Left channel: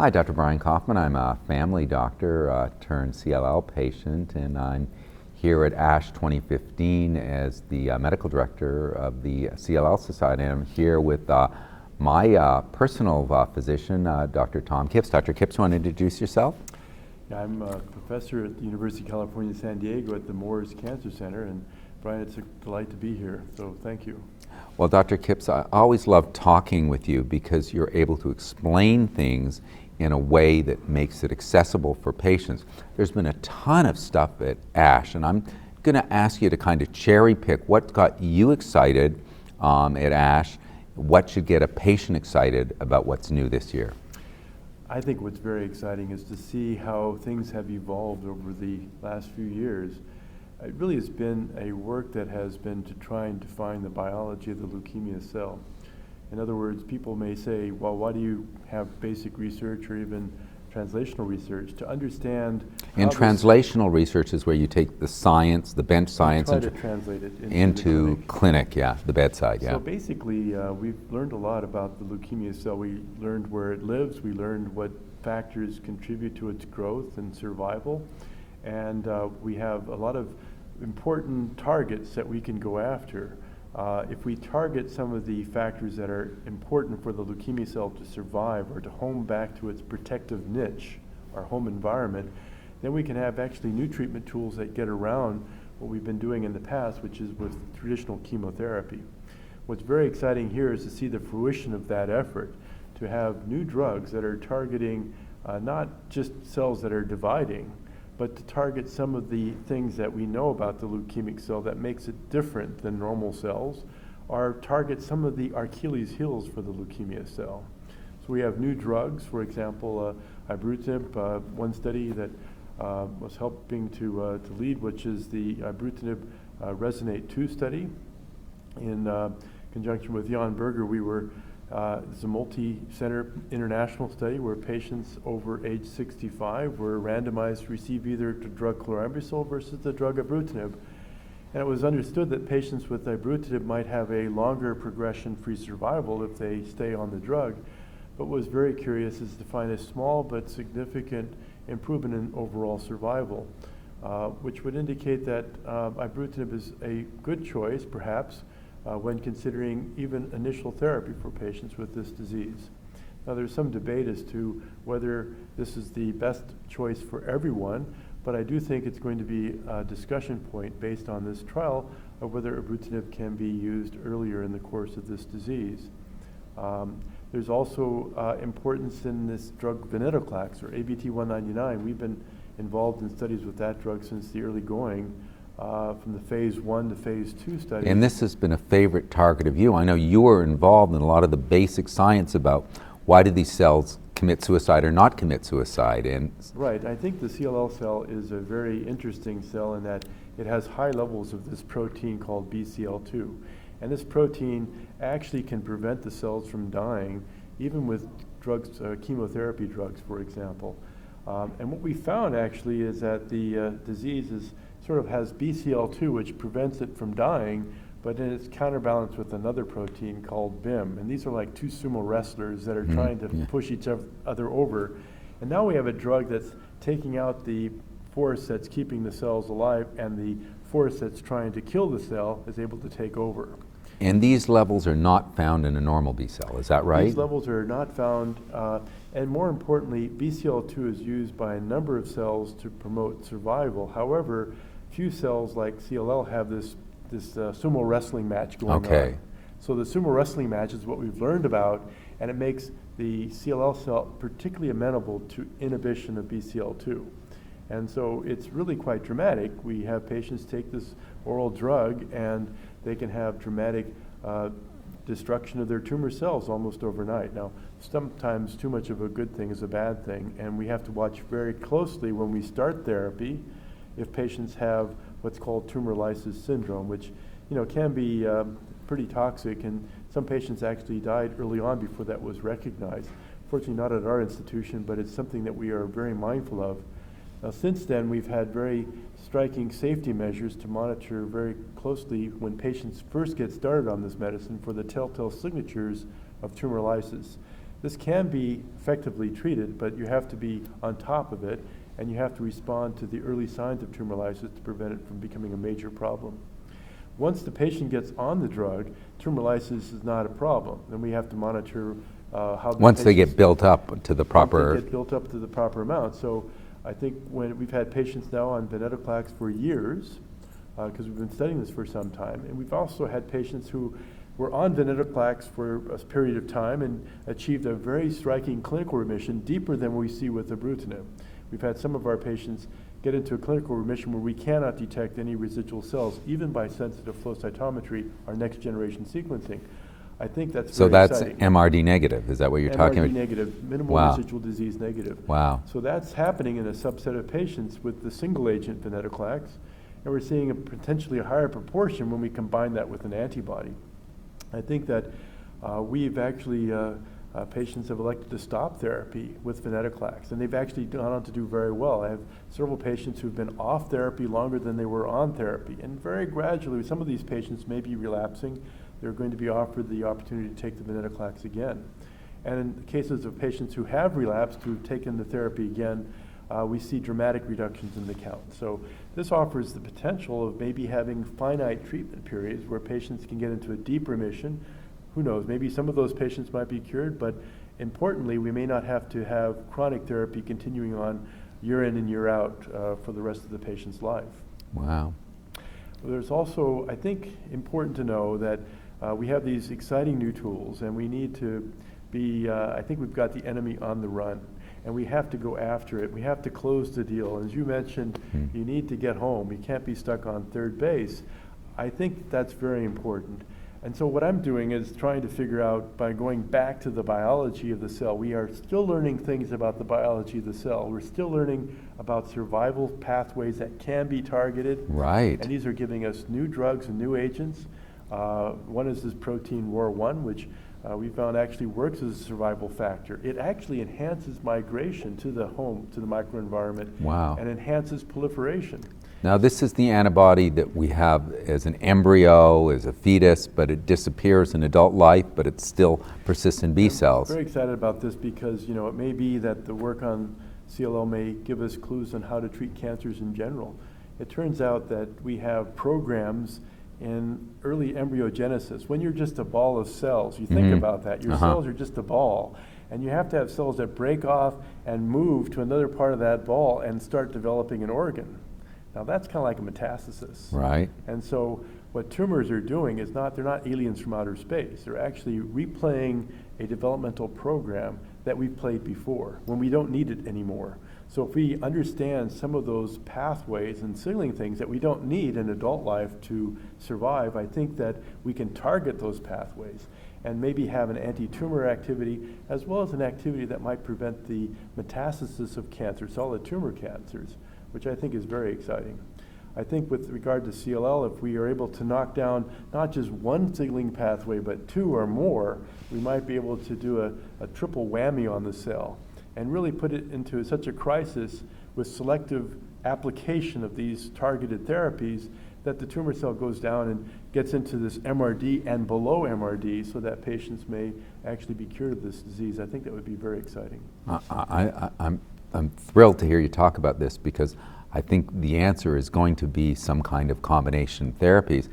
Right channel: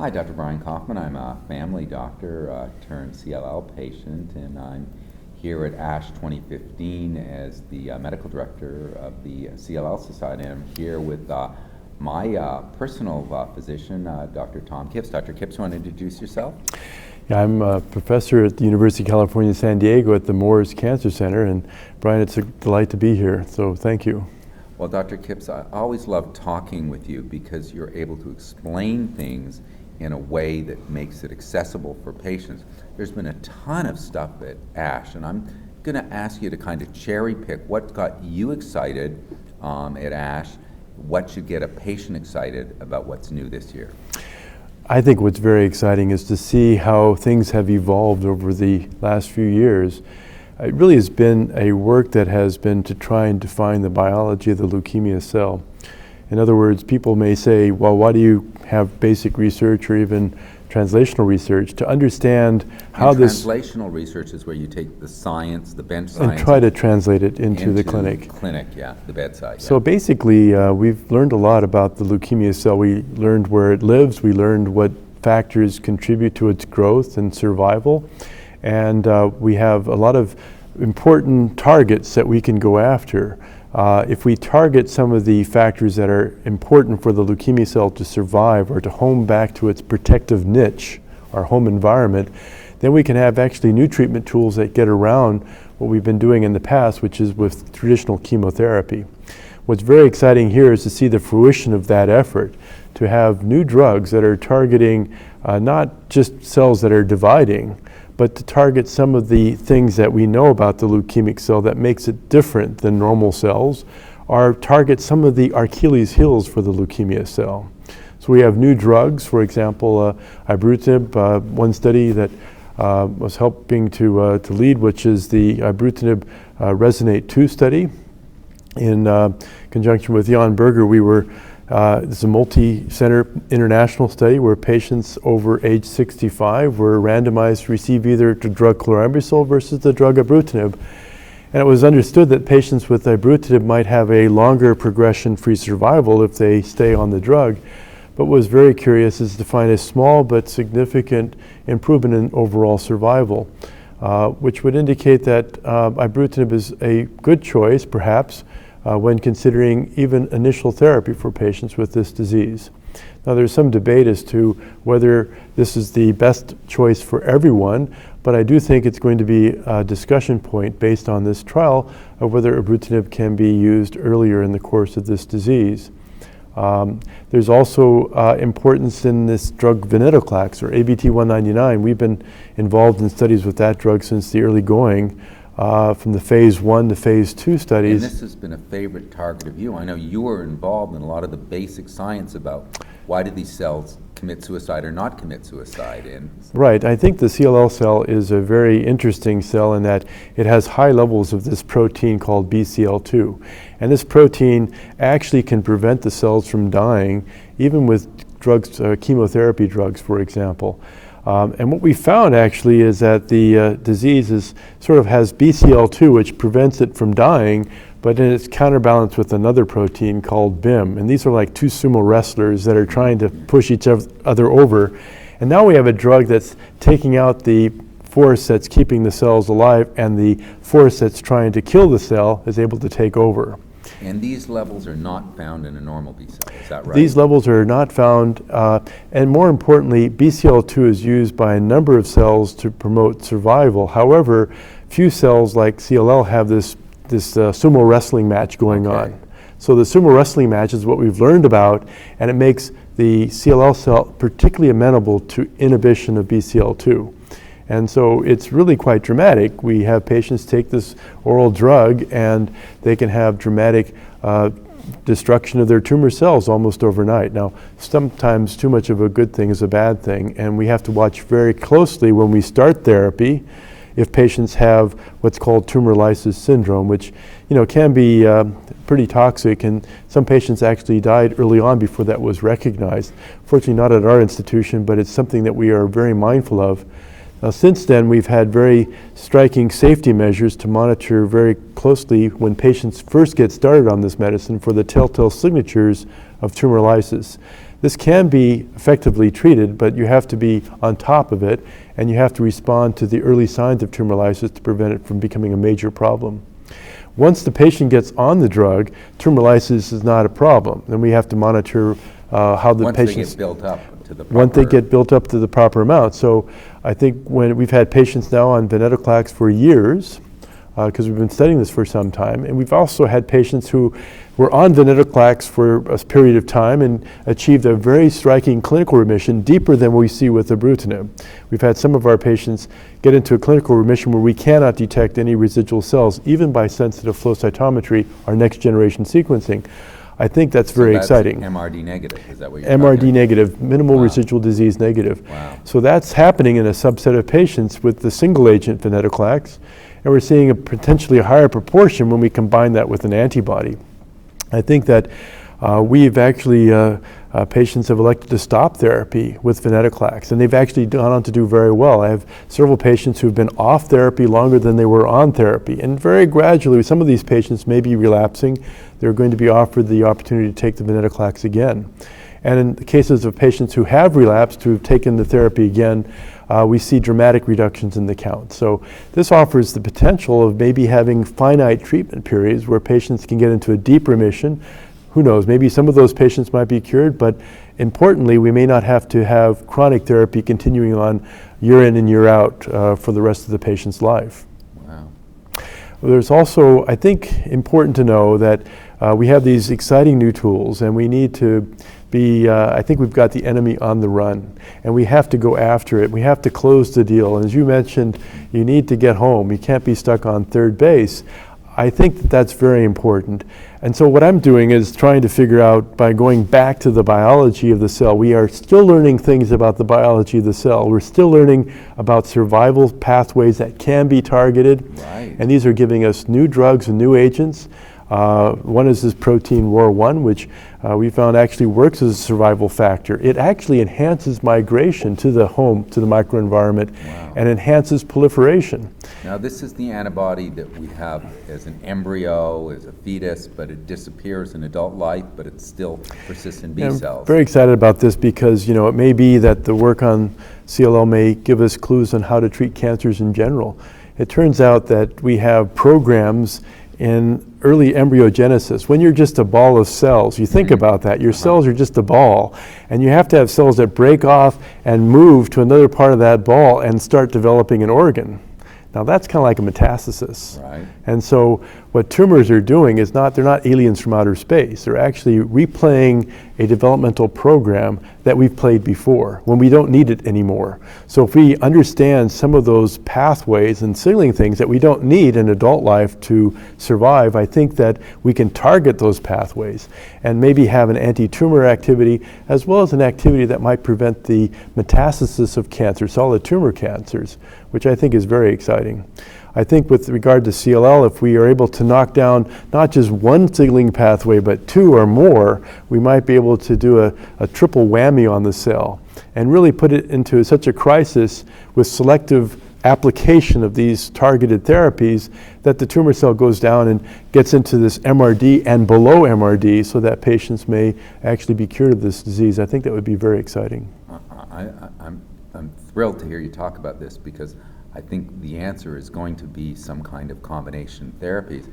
Hi, Dr. Brian Kaufman. I'm a family doctor turned CLL patient, and I'm here at ASH 2015 as the medical director of the CLL Society. I'm here with my personal physician, Dr. Tom Kipps. Dr. Kipps, want to introduce yourself? Yeah, I'm a professor at the University of California, San Diego at the Moores Cancer Center, and Brian, it's a delight to be here, so thank you. Well, Dr. Kipps, I always love talking with you because you're able to explain things in a way that makes it accessible for patients. There's been a ton of stuff at ASH, and I'm going to ask you to kind of cherry pick what got you excited at ASH, what should get a patient excited about what's new this year. I think what's very exciting is to see how things have evolved over the last few years. It really has been a work that has been to try and define the biology of the leukemia cell. In other words, people may say, well, why do you have basic research or even translational research to understand how this... Translational research is where you take the science, the bench science... and try to translate it into the clinic. The bedside, yeah. So basically, we've learned a lot about the leukemia cell. We learned where it lives, we learned what factors contribute to its growth and survival, and we have a lot of important targets that we can go after. If we target some of the factors that are important for the leukemia cell to survive or to home back to its protective niche, our home environment, then we can have actually new treatment tools that get around what we've been doing in the past, which is with traditional chemotherapy. What's very exciting here is to see the fruition of that effort, to have new drugs that are targeting not just cells that are dividing, but to target some of the things that we know about the leukemic cell that makes it different than normal cells, or target some of the Achilles heels for the leukemia cell. So we have new drugs, for example, ibrutinib, one study that was helping to lead, which is the ibrutinib RESONATE-2 study. In conjunction with Jan Berger, we were it's a multi-center international study where patients over age 65 were randomized to receive either the drug chlorambucil versus the drug ibrutinib. And it was understood that patients with ibrutinib might have a longer progression-free survival if they stay on the drug. But what was very curious is to find a small but significant improvement in overall survival, which would indicate that ibrutinib is a good choice, perhaps, when considering even initial therapy for patients with this disease. Now, there's some debate as to whether this is the best choice for everyone, but I do think it's going to be a discussion point based on this trial of whether ibrutinib can be used earlier in the course of this disease. There's also importance in this drug venetoclax, or ABT-199. We've been involved in studies with that drug since the early going, from the phase 1 to phase 2 studies. And this has been a favorite target of you. I know you were involved in a lot of the basic science about why do these cells commit suicide or not commit suicide. Right, I think the CLL cell is a very interesting cell in that it has high levels of this protein called BCL2. And this protein actually can prevent the cells from dying, even with drugs, chemotherapy drugs, for example. And what we found actually is that the disease sort of has BCL2, which prevents it from dying, but then it's counterbalanced with another protein called BIM. And these are like two sumo wrestlers that are trying to push each other over. And now we have a drug that's taking out the force that's keeping the cells alive, and the force that's trying to kill the cell is able to take over. And these levels are not found in a normal B cell, is that right? These levels are not found, and more importantly, BCL2 is used by a number of cells to promote survival. However, few cells like CLL have this sumo wrestling match going on. So the sumo wrestling match is what we've learned about, and it makes the CLL cell particularly amenable to inhibition of BCL2. And so it's really quite dramatic. We have patients take this oral drug and they can have dramatic destruction of their tumor cells almost overnight. Now, sometimes too much of a good thing is a bad thing, and we have to watch very closely when we start therapy if patients have what's called tumor lysis syndrome, which can be pretty toxic, and some patients actually died early on before that was recognized. Fortunately, not at our institution, but it's something that we are very mindful of. Now, since then, we've had very striking safety measures to monitor very closely when patients first get started on this medicine for the telltale signatures of tumor lysis. This can be effectively treated, but you have to be on top of it, and you have to respond to the early signs of tumor lysis to prevent it from becoming a major problem. Once the patient gets on the drug, tumor lysis is not a problem. Then we have to monitor how the once patients... they get built up to the proper... Once they get built up to the proper amount. So I think when we've had patients now on venetoclax for years, because we've been studying this for some time, and we've also had patients who were on venetoclax for a period of time and achieved a very striking clinical remission, deeper than we see with ibrutinib. We've had some of our patients get into a clinical remission where we cannot detect any residual cells, even by sensitive flow cytometry, our next generation sequencing. I think that's very exciting. MRD negative, is that what you're talking about? MRD negative, minimal Wow. residual disease negative. Wow. So that's happening in a subset of patients with the single agent venetoclax, and we're seeing a potentially higher proportion when we combine that with an antibody. I think that we've actually, patients have elected to stop therapy with venetoclax, and they've actually gone on to do very well. I have several patients who've been off therapy longer than they were on therapy, and very gradually, some of these patients may be relapsing. They're going to be offered the opportunity to take the venetoclax again. And in the cases of patients who have relapsed, who have taken the therapy again, we see dramatic reductions in the count. So this offers the potential of maybe having finite treatment periods where patients can get into a deep remission. Who knows, maybe some of those patients might be cured, but importantly, we may not have to have chronic therapy continuing on year in and year out for the rest of the patient's life. Wow. There's also, I think, important to know that we have these exciting new tools, and we need to be, I think we've got the enemy on the run, and we have to go after it. We have to close the deal. And as you mentioned, you need to get home. You can't be stuck on third base. I think that that's very important. And so what I'm doing is trying to figure out, by going back to the biology of the cell, we are still learning things about the biology of the cell. We're still learning about survival pathways that can be targeted. Right. And these are giving us new drugs and new agents. One is this protein ROR1, which we found actually works as a survival factor. It actually enhances migration to the home, to the microenvironment, Wow. and enhances proliferation. Now this is the antibody that we have as an embryo, as a fetus, but it disappears in adult life, but it still persists in B cells. Very excited about this because, you know, it may be that the work on CLL may give us clues on how to treat cancers in general. It turns out that we have programs in early embryogenesis. When you're just a ball of cells, you think about that. Your cells are just a ball, and you have to have cells that break off and move to another part of that ball and start developing an organ. Now that's kind of like a metastasis. Right. And so what tumors are doing is they're not aliens from outer space. They're actually replaying a developmental program that we've played before when we don't need it anymore. So if we understand some of those pathways and signaling things that we don't need in adult life to survive, I think that we can target those pathways and maybe have an anti-tumor activity as well as an activity that might prevent the metastasis of cancer, solid tumor cancers, which I think is very exciting. I think with regard to CLL, if we are able to knock down not just one signaling pathway, but two or more, we might be able to do a triple whammy on the cell and really put it into such a crisis with selective application of these targeted therapies that the tumor cell goes down and gets into this MRD and below MRD so that patients may actually be cured of this disease. I think that would be very exciting. I'm thrilled to hear you talk about this because I think the answer is going to be some kind of combination therapies.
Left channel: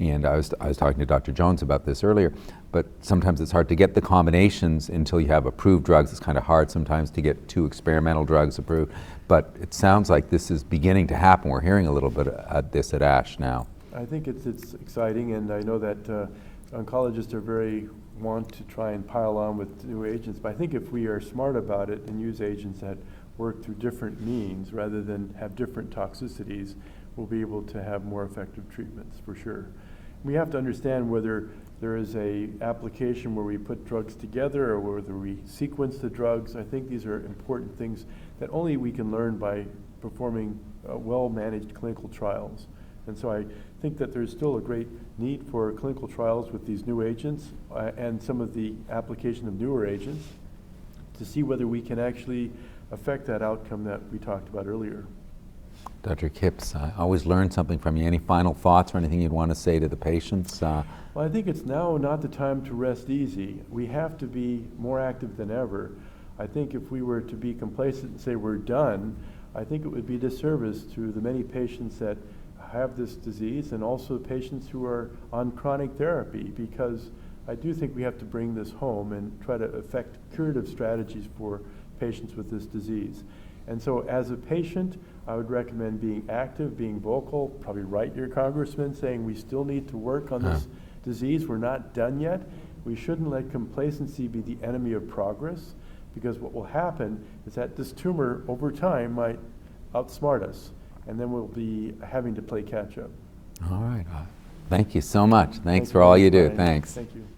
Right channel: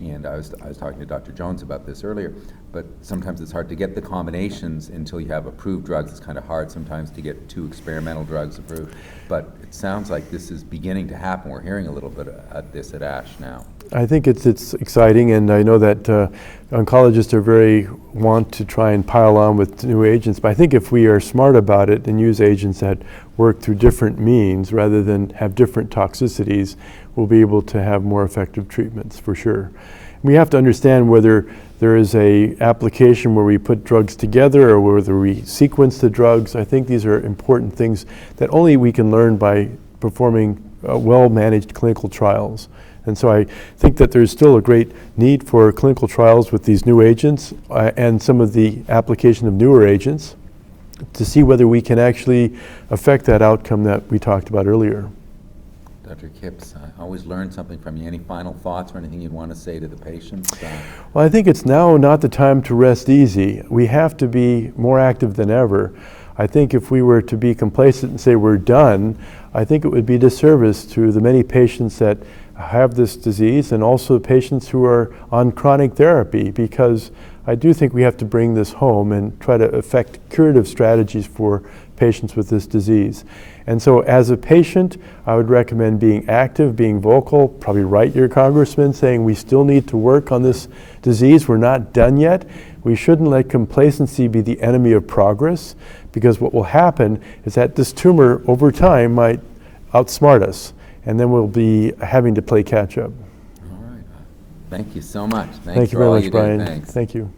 And I was talking to Dr. Jones about this earlier, but sometimes it's hard to get the combinations until you have approved drugs. It's kind of hard sometimes to get 2 experimental drugs approved, but it sounds like this is beginning to happen. We're hearing a little bit at this at ASH now. I think it's exciting, and I know that oncologists are very want to try and pile on with new agents, but I think if we are smart about it and use agents that work through different means rather than have different toxicities, we'll be able to have more effective treatments for sure. We have to understand whether there is a application where we put drugs together or whether we sequence the drugs. I think these are important things that only we can learn by performing well-managed clinical trials. And so I think that there's still a great need for clinical trials with these new agents and some of the application of newer agents to see whether we can actually affect that outcome that we talked about earlier. Dr. Kipps, I always learn something from you. Any final thoughts or anything you'd want to say to the patients? Well, I think it's now not the time to rest easy. We have to be more active than ever. I think if we were to be complacent and say we're done, I think it would be a disservice to the many patients that have this disease and also patients who are on chronic therapy, because I do think we have to bring this home and try to effect curative strategies for patients with this disease. And so as a patient, I would recommend being active, being vocal, probably write your congressman saying we still need to work on this disease, we're not done yet. We shouldn't let complacency be the enemy of progress, because what will happen is that this tumor over time might outsmart us, and then we'll be having to play catch up. All right. Thank you so much. Thanks Thank you for all very you much, do. Brian. Thanks. Thank you.